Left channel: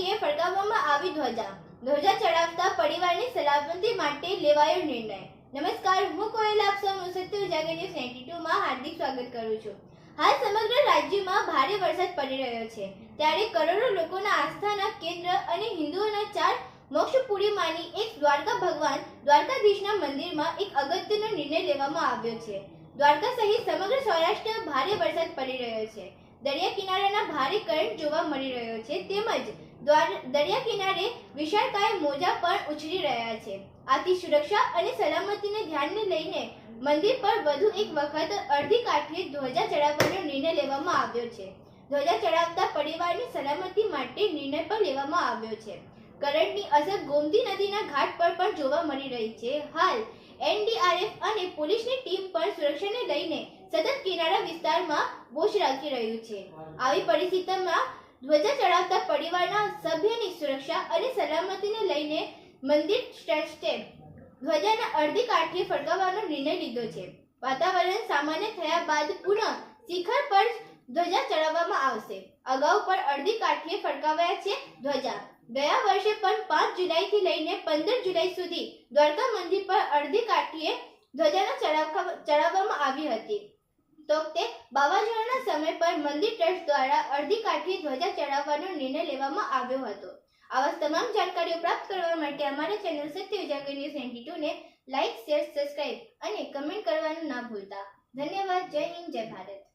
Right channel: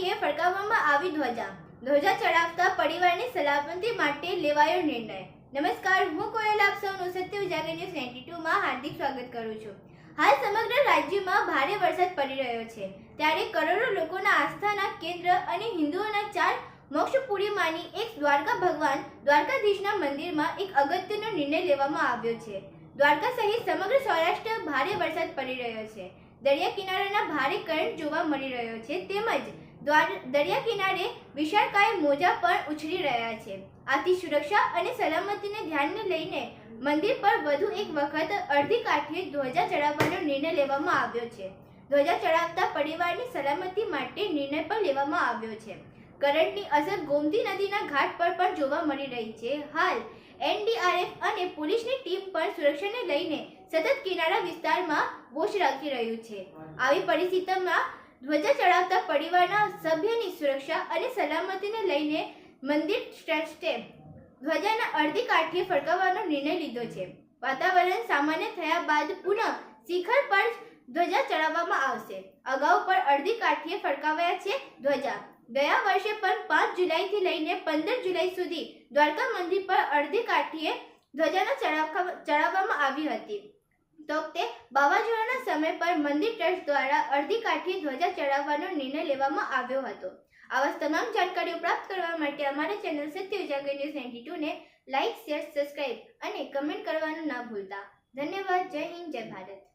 કાઠીએ ફરકાવવામાં આવી ધ્વજા ચડાવતા પરિવારની સલામતી માટે લેવાયો નિર્ણય। નમસ્કાર, હું કોયલ આપ સૌનું સત્ય ઉજાગર ન્યૂઝ 92 માં હાર્દિક સ્વાગત કરું છું। હાલ સમગ્ર રાજ્યમાં ભારે વરસાદ પડી રહ્યો છે, ત્યારે કરોડો લોકોના આસ્થાના કેન્દ્ર અને હિન્દુઓના 4 મોક્ષપુરીમાંની એક દ્વારકા ભગવાન દ્વારકાધીશના મંદિરમાં એક અગત્યનો નિર્ણય લેવામાં આવ્યો છે। દ્વારકા સહિત સમગ્ર સૌરાષ્ટ્ર ભારે વરસાદ પડી રહ્યો છે। દરિયા કિનારાના ભારે કરંટ જોવા મળી રહ્યો છે, તેમજ દરિયા કિનારે વિશાળકાય મોજા પણ ઉછળી રહ્યા છે। આથી સુરક્ષા અને સલામતીને ધ્યાને લઈને મંદિર પર વધુ એક વખત અડધી કાઠીએ ધ્વજા ચડાવવાનો નિર્ણય લેવામાં આવ્યો છે। ધ્વજા ચડાવતા પરિવારની સલામતી માટે નિર્ણય પણ લેવામાં આવ્યો છે। કરંટની અસર ગોમતી નદીના ઘાટ પર પણ જોવા મળી રહી છે। હાલ એનડીઆરએફ અને પોલીસની ટીમ પણ સુરક્ષાને લઈને સતત કિનારા વિસ્તારમાં વોચ રાખી રહ્યું છે। આવી પરિસ્થિતિમાં ધ્વજા ચડાવતા પરિવારના સભ્યની સુરક્ષા અને સલામતીને લઈને મંદિર ટ્રસ્ટે ધ્વજાના અડધી કાઠીએ ફરકાવવાનો નિર્ણય લીધો છે। વાતાવરણ સામાન્ય થયા બાદ પુનઃ શિખર પર ધ્વજા ચડાવવામાં આવશે। અગાઉ પણ અડધી કાઠીએ ફરકાવાયા છે ધ્વજા। ગયા વર્ષે પણ 5 જુલાઈથી લઈને 15 જુલાઈ સુધી દ્વારકા મંદિર પર અડધી કાઠીએ ધ્વજાનો ચડાવવામાં આવી હતી। તો તે વાવાઝોડાના સમય પર મંદિર ટ્રસ્ટ દ્વારા અડધી કાઠીએ ધ્વજા ચડાવવાનો નિર્ણય લેવામાં આવ્યો હતો। આવા તમામ જાણકારીઓ પ્રાપ્ત કરવા માટે અમારા ચેનલ સત્ય ઉજાગર ન્યૂઝ 92 ને લાઇક, શેર, સબસ્ક્રાઇબ અને કમેન્ટ કરવાનું ના ભૂલતા। ધન્યવાદ। જય હિન્દ, જય ભારત।